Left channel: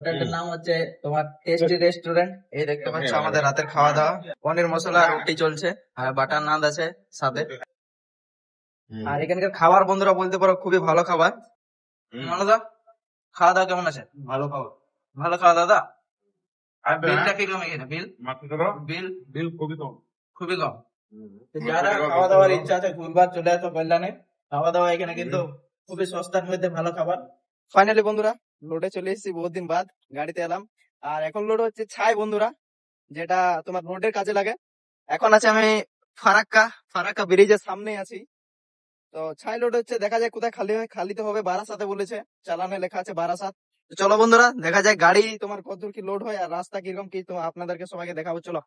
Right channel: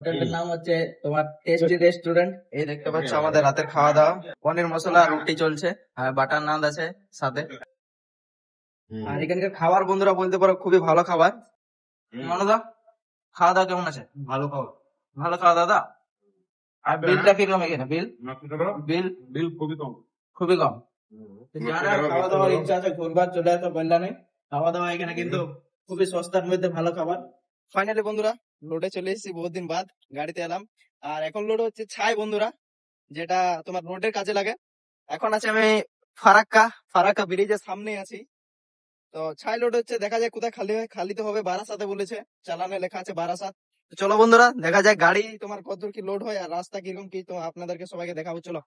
হোটেলটার নাম হচ্ছে তোমার টেস্টি রেস্টুরেন্ট। এই দেখতে পাচ্ছ আমাদের রাতের খাওয়া দাওয়া, পনির মশলা রুটি চলছে আর বাটার নান আছে সাথে। আর এখানকার খাবার বন্ধুরা বলতে পারো খুবই ভালো খাবার। দাদা খাওয়া দাওয়া কেমন আছে? ভালো খাবার। ভালো খাওয়া দাওয়া। আর বিলটা কিরকম এখানে? বিল বিল বিল খুবই কম। খুবই কম। তো যারা খাওয়া দাওয়ার ইচ্ছা আছে ঘুরবার চলে আসো কল্যাণে। খাওয়া দাওয়া এখানে কিন্তু খুবই সস্তার মধ্যে ভালো খাবার। ফাইনালি বন্ধুরা লোডে চলে এসেছি, বহুত দিন বাদ গাড়িতে এলাম। আর এখন লোড হচ্ছে ছাই বন্ধুরা, যেটা তোমার রোডের কাজে লাগে। এখন আছে আমি ফারাক্কা ফারাক্কা ব্রিজের সামনে আছি। তো ছাই লোড হচ্ছে, দেখা যায় কোথায় খালি হয়। খালিতে হবে বারাসাতে বলেছে, চালানে লেখা আছে বারাসাত। তো চলো বন্ধুরা দেখা যায় গাড়ি তোমার কতদূর কি লোড হয় আর রাস্তা কিরকম কি, তো আপনাদেরকে সবাইকে দেখাবো। চলো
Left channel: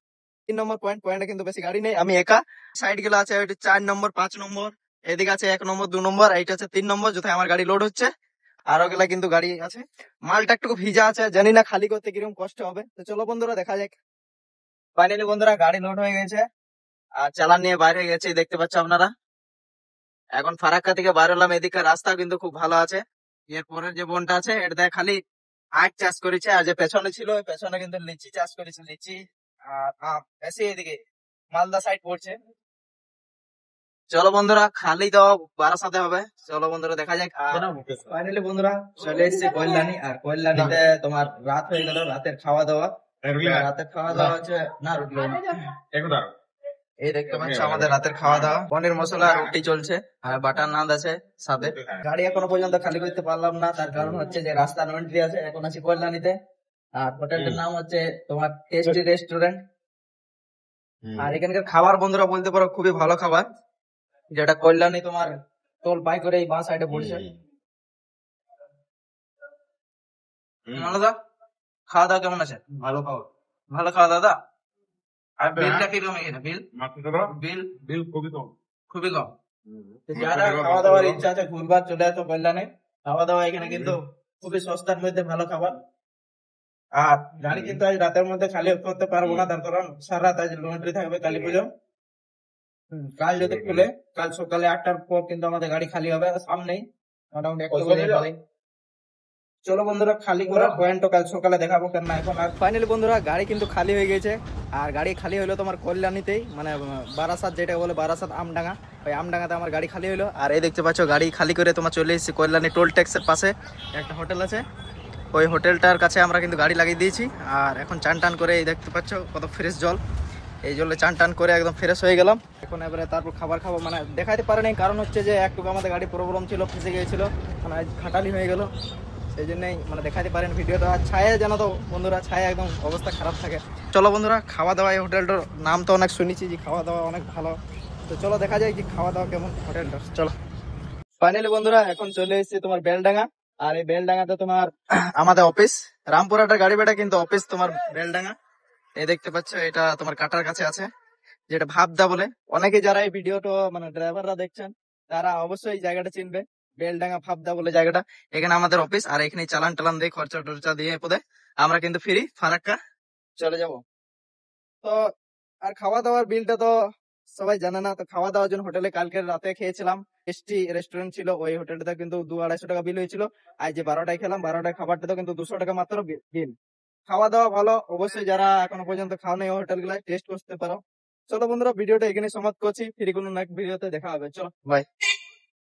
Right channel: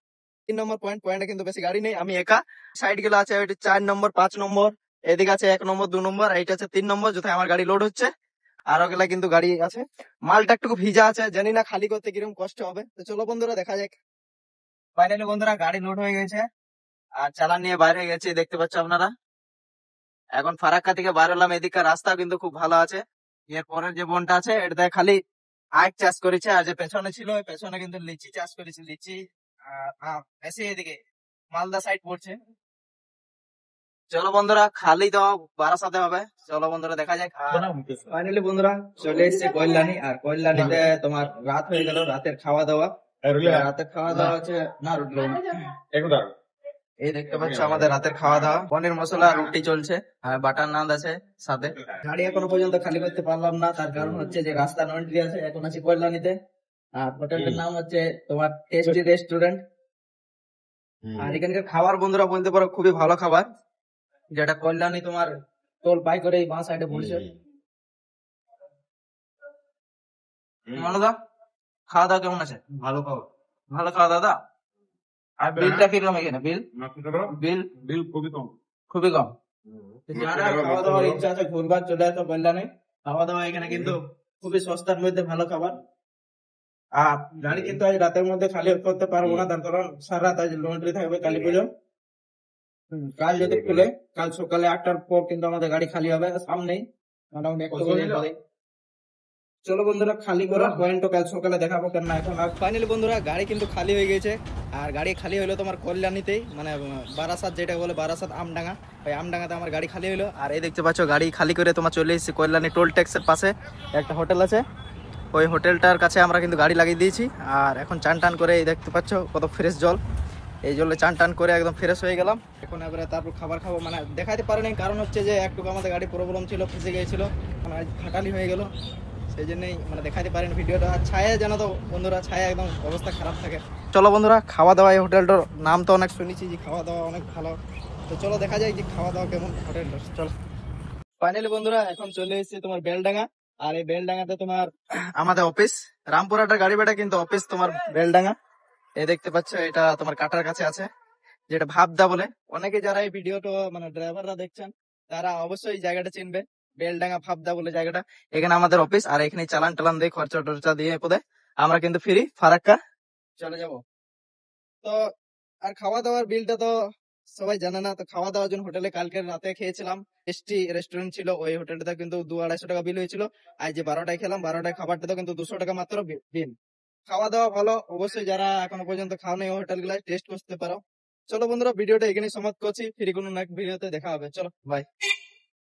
3 নম্বর পয়েন্টে কিন্তু বেশি গাড়ি নেই, আমি একা। সাইড গুলো আছে 4 নম্বর 5 নম্বর, এদিকে আছে 1 নম্বর 2 নম্বর, এইটা আছে 3 নম্বর, যেথায় আমার গাড়ি লোড হচ্ছে। আর ওগুলা কিন্তু গাড়ি আছে। মালটা একটু ভিজা আছে, জানি না খালি করতে কিরকম কষ্ট হবে। তো চলো বন্ধুরা দেখা যাক। ফাইনালি বন্ধুরা গাড়ি লোড হয়ে গেছে আর চালান নিয়ে বাইরে হয়ে গেছে, দেখতে পাচ্ছ আপনারা। এখন ফারাক্কা থেকে বার হলাম, এদিকে রাস্তা কিন্তু খুব ভালো আছে। এর পরের যে বনটা আছে এটা খালি আখ চাষ করেছে, আর যে পেছনে ছিল ওই পেছনে কিন্তু লিচি চাষ করেছে, লিচি আর আম বেশি এদিকে মালদা সাইড পড়ছে। চলো বন্ধুরা খালি তো বারাসাতে হবে, চলো বন্ধুরা দেখা যাক। ফাইনালি বন্ধুরা চলে এসেছে কল্যাণী, আর কল্যাণীতে তোমার রাত হয়ে গেল। রাতের খাওয়া দাওয়া হচ্ছে না রুটি। এই দেখতে পাচ্ছ আমাদের রাতের খাওয়া দাওয়া, পনির মশলা রুটি চলছে আর বাটার নান আছে সাথে। গাড়ি এখনো পর্যন্ত খালি করতে পারলাম না, তার কারণ হচ্ছে যে রাস্তা নো এন্ট্রি আছে। এখন আছি কল্যাণীতে, আর হোটেলটার নাম হচ্ছে তোমার টেস্টি রেস্টুরেন্ট। আর এখানকার খাবার বন্ধুরা বলতে পারো খুবই ভালো খাবার, যেটা কল্যাণী তোমার টোল পাই করে এই বাঁ সাইডে পড়ছে। দাদা খাওয়া দাওয়া কেমন আছে? ভালো খাবার। ভালো খাওয়া দাওয়া। আর বিলটা কিরকম এখানে? বিল বিল বিল খুবই কম। খুবই কম। তো যারা খাওয়া দাওয়ার ইচ্ছা আছে ঘুরবার চলে আসো কল্যাণে। খাওয়া দাওয়া এখানে কিন্তু খুবই সস্তার মধ্যে ভালো খাবার। আর গাড়ি কিন্তু আজ রাতের মধ্যে খালি করতে পারবো না, তার কারণ সারা রাত আজ লন্ড্রি থাকবে কালী পুজো। কাল যদি খুলে, কাল সকালে 8টার পর কিন্তু আমাদের গাড়ি খালি হবে। সামনেই মোটামুটি 1 বাজে পরে। চলো বন্ধুরা খালি করার পয়েন্ট কাল সকালে দেখাবো কেন না এখন। আর ফাইনালি বন্ধুরা গাড়ি কিন্তু খালি হয়ে গেছে। আর গাড়ি খালি হলো তোমার কল্যাণীতেই, মানে বারাসাত যেটা বলে বারাসাত আমডাঙ্গা, ওই আমডাঙ্গাতে আমার গাড়ি খালি হলো। আর এই দেখতে পাচ্ছ গাড়ি খালি করে তোমার চলে এসেছি কল্যাণী টোল ট্যাক্সের পাশে একটা হোটেল আছে, ওই হোটেলটার কাছে আমরা কিন্তু গাড়ি লাগিয়ে দিয়েছি। আর এখন চান টান করে এই দেখতে পাচ্ছ কত ফ্রেশ জল, এই জলে চান টান করে একদম ফ্রেশ হয়ে গেলাম। এখন এবারে তারপর খাবার খাবো, মানে দেখাতে পারেনি কারণ হচ্ছে যে একটু আমাদের গাড়ি প্রবলেম ছিল, ফেসে গিয়েছিল, মানে খাটালি হয়ে গেল, সেই জন্যই মানে দেখাতে পারেন ভিডিওটা। আর ছায়া জানো তো বন্ধুরা, ছায়া একদম অবস্থা খারাপ থাকে। চলো বন্ধুরা খাওয়া দাওয়া, এই হোটেলটার নাম তো অনেক শুনেছি যে খাওয়া দাওয়া অনেক ভালো। তো চলো দেখা যায় যে খাওয়া দাওয়া কেমন হোটেলটা। চলো ফাইনালি বন্ধুরা এখন চলে এসেছি তোমার বেলডাঙ্গা। আর এই বেলডাঙ্গাতে তোমার আমাদের অফিস, রামপুরহাটের গাড়ি বেটা কিন্তু অফিস তোমার বেলডাঙ্গা। এই দেখতে পাচ্ছ এটা তোমার কাটার কাছে আছে, যেটা ভাবদা বলে। অনেকে যারা এই ভিডিওটা মানে ড্রাইভাররা দেখছেন তারা অবশ্যই এই জায়গাটা চিনবে, বেলডাঙ্গা ভাবদা বলে জায়গাটা। এখানে আমাদের অফিস, আর এখানে চালান টালান দিয়ে খরচা টরচা দিয়ে পদে আমরা কিন্তু ফ্রি ফারাক্কা চলে যাব। তো আর খাওয়া দাওয়ার বিলটা তো সবাই জানে না। তো খাওয়া দাওয়ার জন্য হোটেলে কালকে রাতে খেয়েছিলাম, টেস্টি রেস্টুরেন্ট ছিল, ওই হোটেলটা কিন্তু 200-250 টাকা বিল হয়েছিল। আর যে 12টায় খেলাম, 12টায় খাবারটা তো কিন্তু 200 টাকা মাত্র বিল। খাওয়া দাওয়া ভালো, অবশ্যই যারা এখনো পর্যন্ত খাও নাই ওই হোটেলগুলো টেস্ট করতে পারো। চলো বন্ধুরা ভিডিওটা এখানে সমাপ্ত করছি, ফিরে কোনো নেক্সট ভিডিওতে দেখা হবে। চলো বাই।